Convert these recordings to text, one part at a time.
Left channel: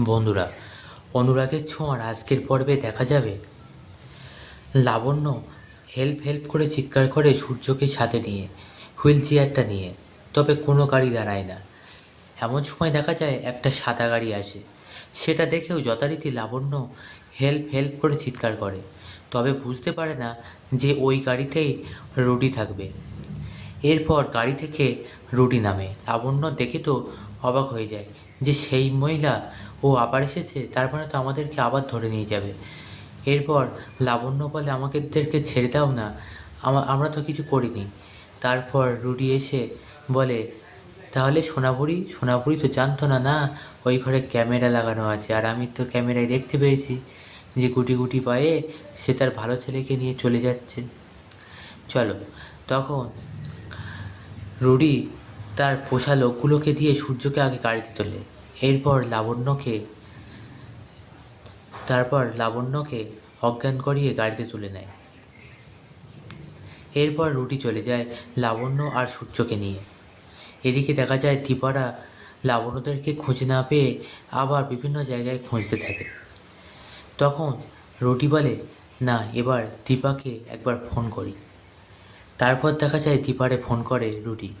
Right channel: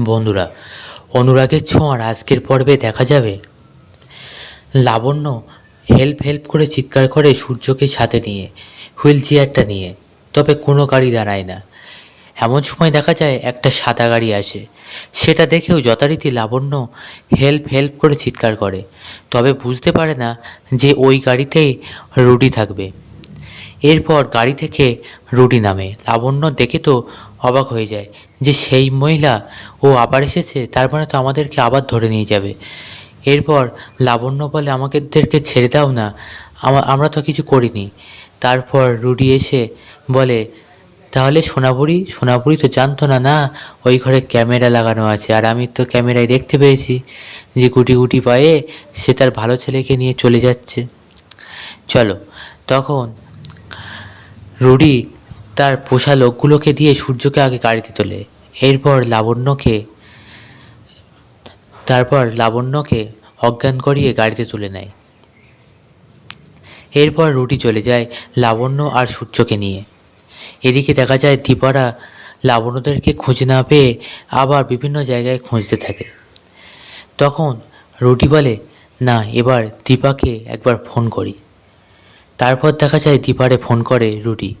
বন্ধুরা, অনুরাগের ছোঁয়ার আজকের পর্বে দেখা যাবে। লাবণ্য হেল্প হেল্প করে চিৎকার করে সূর্যকে সাথে নিয়ে হুইল চেয়ারটা নিয়ে, তবে কোনো গাড়ি দাঁড়ায় না। এমন সময় দেখা যায় একটা সাদা গাড়ি আসে। সেটা দেখেও যথারীতি লাবণ্য হেল্প হেল্প করে চিৎকার করে, তবে বুঝতে পারে না যে ওই গাড়িতেই রুডি থাকবে। এরপর গাড়ি থেকে রুডি নামে। লাবণ্য দেখে তো অবাক হয়ে যায় যে সেই মহিলা, ও আবার এসেছে তার মানে তো আমাদেরকে আবার ধরে নিয়ে যাবে। এরপর লাবণ্য বলে, আমাদেরকে ছেড়ে দাও না, আমা- আমরা তো কিছু করিনি। তারপর রুডি এসে বলে, তাহলে সোনাপুরি সোনাপুরি তো জানতো না না, ওই ঘরে ক্যামেরা লাগানো আছে, আর আমি তো ক্যামেরায় দেখতে পেয়েছি যে গুটি গুটি পায়ে সে তার ভালো ছেলেকে নিয়ে চলে যাচ্ছে। চলো, তখন রুডি তার পোষা লোকগুলোকে দিয়ে সূর্যকে আগে গাড়িতে তোলে। এরপর লাবণ্যকে তারপর লাবণ্যকে অজ্ঞান করিয়ে গাড়িতে তুলে নেয়। এরপর রুটি চলে যায় লাবণ্য আর সূর্যকে নিয়ে। এদিকে দেখা যায় দীপারা লাবণ্যদেরকে খুঁজে না পেয়ে আবার বিভিন্ন জায়গায় খুঁজতে থাকে। তখন রুটি বলে, না, এবার দীপাকে একবার ফোন করি। তারপর দেখা যায় দীপারে ফোন করে রুটি।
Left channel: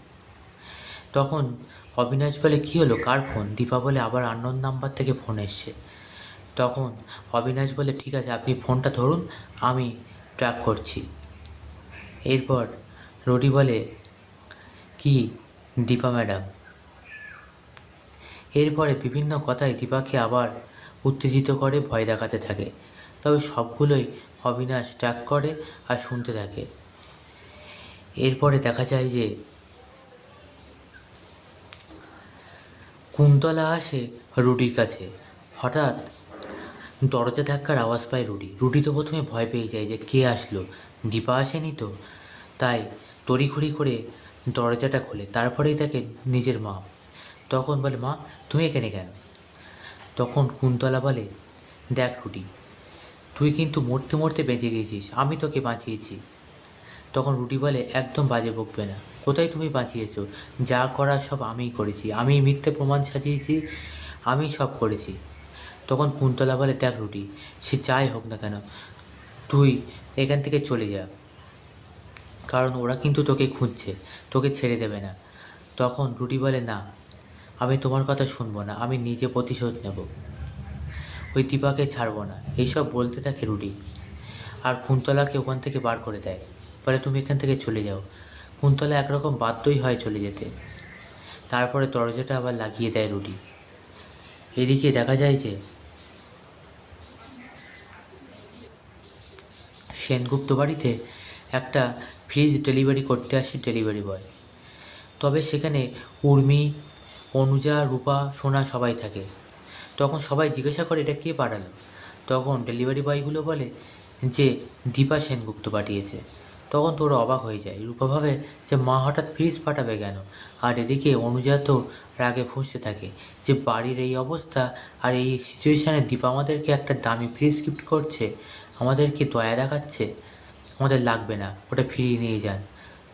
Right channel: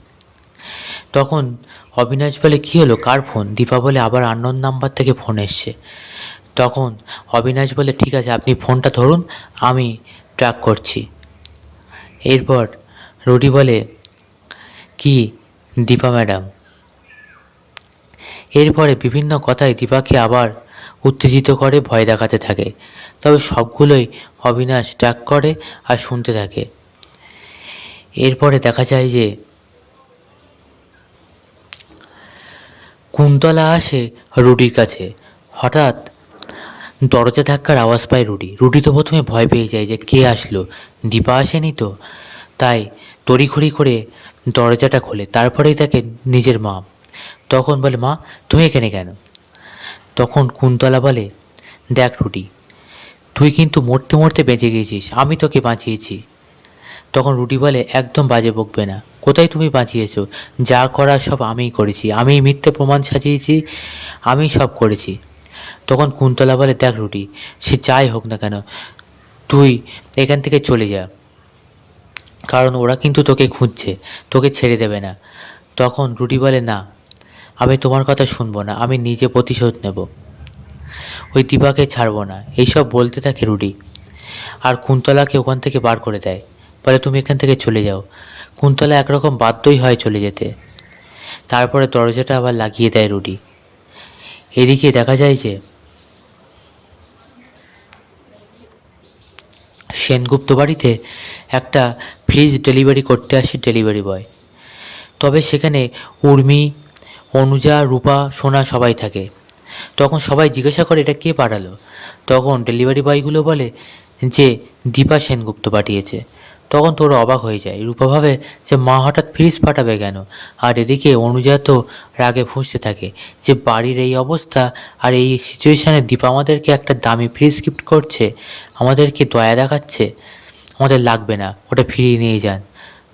তখন অবিনাশ বলে, কী হলো? কার ফোন? দীপা বলে, আবার আননোন নাম্বার থেকে ফোন এসছে। তখন অবিনাশ বলে, ঠিক আছে, আপনি ফোনটা ধরুন, আমি ট্র্যাক করছি। এরপর রুডি বলে, কি দীপা ম্যাডাম? এরপরে বিভিন্ন কথায় দীপাকে আবার উত্তেজিত করে, ভয় দেখাতে থাকে। তবে সবগুলোই অবিনাশ ট্র্যাক করে আর শুনতে থাকে। এরপরে দেখা যায় যে কুন্তলা আসে রুটির কাছে। হঠাৎ দরজা ধাক্কার আওয়াজ পায় রুটি রুটি তো প্রথমে ভয় পেয়ে যায় যে কে আসলো? দীপা আসেনি তো? তাই তড়িঘড়ি করে দরজাটা খোলে, তারপরেই তাকে নিজের মা। তখন বলে, মা, তুমি এখানে কেন? তখন কুন্তলা বলে, দেখ রুটি তুই কিন্তু মরতে মরতে বেঁচে গিয়েছিস আমি তোকে বাঁচিয়েছি। তখন রুটি বলে, একদম বাজে বকবে না। কোথায় তুমি বাঁচিয়েছ? যা করার সব আমিই করেছি। আমি মিথ্যে প্রমাণ সাজিয়েছি আমি সব করেছি। তখন কুন্তলা বলে, দেখ রুটি, সে যাই হোক না কেন, তুই এখান থেকে চলে যা। কারণ ওরা কিন্তু তোকে খুঁজছে, তোকে ছেড়ে দেবে না। তখন রুটি বলে, না, আমি তোমার কথা শুনব না, আমি নিজে প্রতিশোধ নেব। ওই দীপাকে ছাড়বো না। এইসব বলতে থাকে রুটি। আর কুন্তলাকে ওখান থেকে বার করে দেয়। বলে তুমি এখান থেকে চলে যাও। কুন্তলা একরকম বাধ্যই হয় চলে যেতে। তারপরে দরজাটা আবার লাগিয়ে দেয় রুডি। এদিকে দেখা যায় যে সেনগুপ্ত বাড়িতে একটা ফ্রিজ ডেলিভারি করতে আসে ডেলিভারি বয় তবে সেখানে উর্মি, অনুজা, রূপা, সোনা সবাই থাকে। তখন সবাই জিজ্ঞাসা করে, এটা কে পাঠালো? তখন ডেলিভারি বয়গুলো বলে যে, দীপা সেনগুপ্ত পাঠিয়েছে। তখন তোর অবাক হয়ে যায়। রূপা ভাবে যে মা হঠাৎ ফ্রিজ পাঠাবে কেন? আর এদিকে অনুজা তো রাগে ফুঁসতে থাকে যে বাড়ির এই অবস্থা আর এই সিচুয়েশানে দীপা আমাদেরকে একটা দামি ফ্রিজ গিফট করছে। আমাদেরকে দয়া দেখাচ্ছে। আমাদের লাগবে না, ওটা ফিরিয়ে নিয়ে যান।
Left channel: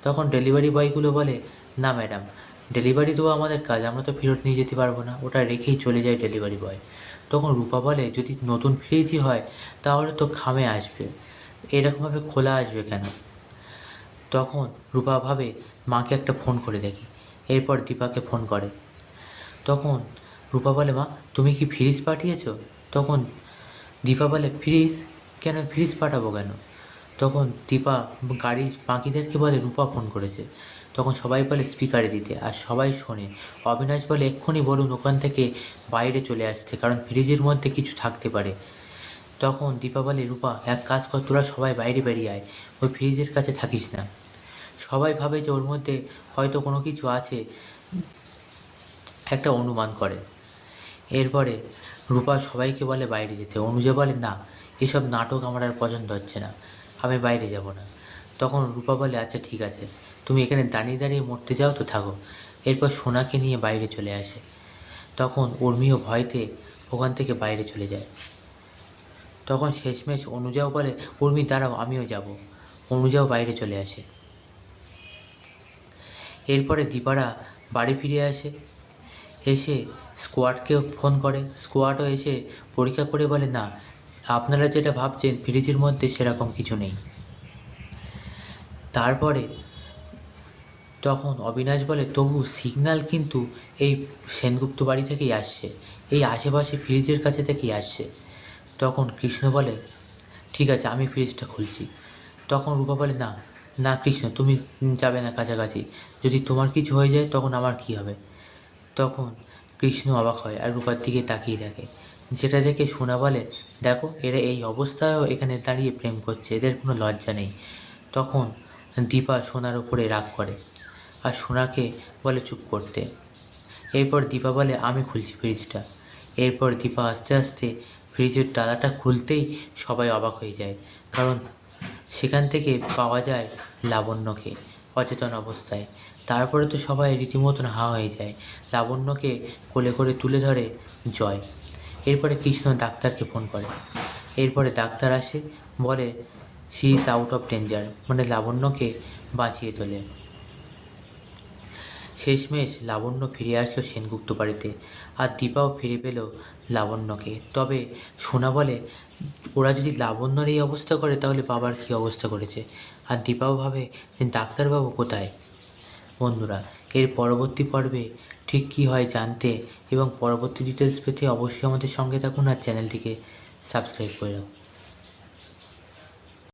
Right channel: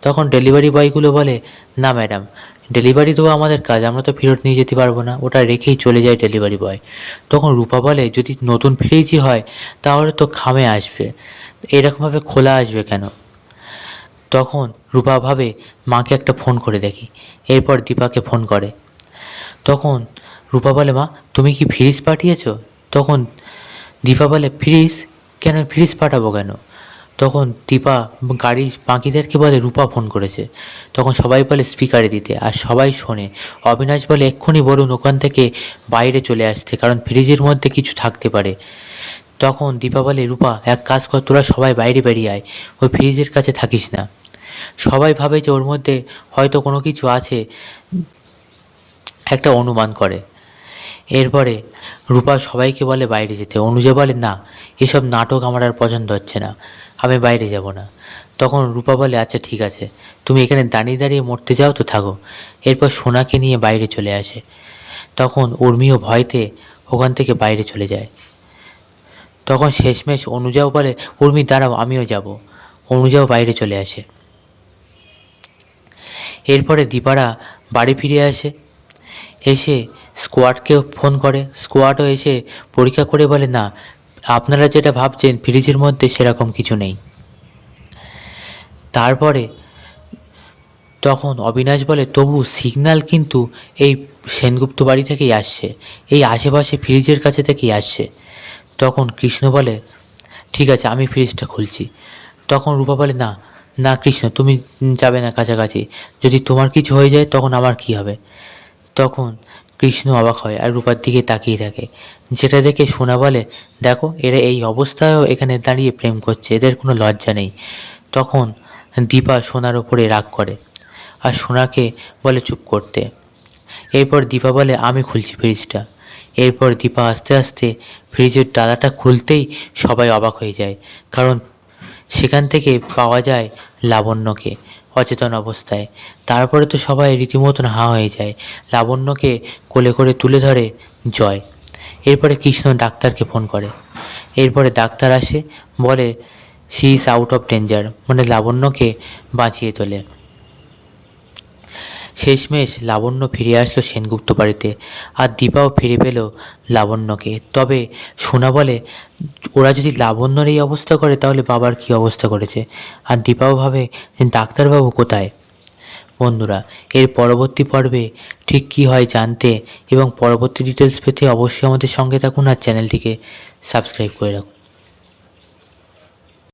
তখন ডেলিভারি বয়গুলো বলে, না ম্যাডাম ডেলিভারি দেওয়া আমাদের কাজ, আমরা তো ফেরত নিয়ে যেতে পারব না। ওটা রেখেই চলে যায় ডেলিভারি বয় তখন রূপা বলে, যদি নতুন ফ্রিজই হয়, তাহলে তো খামে আসবে। এরকমভাবে খোলা আসবে কেন? তখন রূপা ভাবে, মাকে একটা ফোন করে দেখি। এরপর দীপাকে ফোন করে। তখন রূপা বলে, মা, তুমি কি ফ্রিজ পাঠিয়েছো? তখন দীপা বলে, ফ্রিজ? কেন ফ্রিজ পাঠাবো কেন? তখন দীপা গাড়ি বাকিদেরকে বলে, রূপা ফোন করেছে। তখন সবাই বলে, স্পিকারে দিতে। আর সবাই শোনে। অবিনাশ বলে, এক্ষুনি বলুন ওখান থেকে বাইরে চলে আসতে, কারণ ফ্রিজের মধ্যে কিছু থাকতে পারে। তখন দীপা বলে, রূপা, এক কাজ কর, তোরা সবাই বাইরে বেরিয়ে আয়। ওই ফ্রিজের কাছে থাকিস না। সবাই ভাবে যে ওর মধ্যে হয়তো কোনো কিছু আছে, একটা অনুমান করে। এরপরে রূপা সবাইকে বলে বাইরে যেতে। অনুজা বলে, না, এসব নাটক আমার আর পছন্দ হচ্ছে না, আমি বাইরে যাব না। তখন রূপা বলে আচ্ছা ঠিক আছে, তুমি এখানে দাঁড়িয়ে দাঁড়িয়ে মরতে যাও তো থাকো। এরপর সোনাকে নিয়ে বাইরে চলে আসে। তখন উর্মিও ভয়তে ওখান থেকে বাইরে চলে যায়। তখন শেষমেশ অনুজাও বলে, উর্মি, দাঁড়াও, আমিও যাব। অনুজাও বাইরে চলে আসে। এরপরে দীপারা বাড়ি ফিরে আসে। এসে স্কোয়াডকে ফোন করে। স্কোয়াডও এসে পরীক্ষা করে বলে, না, আপনারা যেটা ভাবছেন ফ্রিজের মধ্যে সেরকম কিছু নেই। তারপরে তখন অবিনাশ বলে, তবু সিগন্যাল কিন্তু এই সেনগুপ্ত বাড়ি থেকেই আসছে। এই আশেপাশে ফ্রিজের কাছে থেকেই আসছে। তখন কৃষ্ণ বলে, ঠিক আছে, আমি ফ্রিজটা খুলছি। তখন রূপা বলে, না না, কৃষ্ণ, তুমি যাবে না কাছাকাছি। যদি তোমার কিছু হয়ে যায়, তখন আমার কি হবে? তখন কৃষ্ণ অবাক হয় আর রূপার দিকে তাকিয়ে থাকে। যেটা দেখে সোনা বলে, দেখো, এরা এই অবস্থায়ও এখানে দাঁড়িয়ে প্রেম করছে, এদের কোনো লজ্জা নেই। তখন দীপা সোনার ওপরে রাগ করে আর সোনাকে বলে, চুপ করতে। এরপর দীপা বলে, আমি খুলছি ফ্রিজটা। এরপর দীপা আস্তে আস্তে ফ্রিজের ডালাটা খুলতেই সবাই অবাক হয়ে যায়, কারণ সেখান থেকে পাওয়া যায় লাবণ্যকে অচেতন অবস্থায়। তারপরে তো সবাই রীতিমতন হা হয়ে যায়। লাবণ্যকে কোলে করে তুলে ধরে জয়। এরপরে কৃষ্ণ ডাক্তারকে ফোন করে। এরপরে ডাক্তার আসে, বলে she is out of danger মানে লাবণ্যকে বাঁচিয়ে তোলে। শেষমেশ লাবণ্য ফিরে আসলো সেনগুপ্ত বাড়িতে আর দীপাও ফিরে পেল লাবণ্যকে। তবে সোনা বলে, ওরা যদি লাবণ্যর এই অবস্থা করে, তাহলে বাবার কী অবস্থা করেছে? আর দীপাও ভাবে, ডাক্তারবাবু কোথায়? বন্ধুরা, এর পরবর্তী পর্বে ঠিক কী হয় জানতে এবং পরবর্তী ডিটেলস পেতে অবশ্যই আমাদের সঙ্গে থাকুন আর চ্যানেলটিকে সাবস্ক্রাইব করে রাখুন।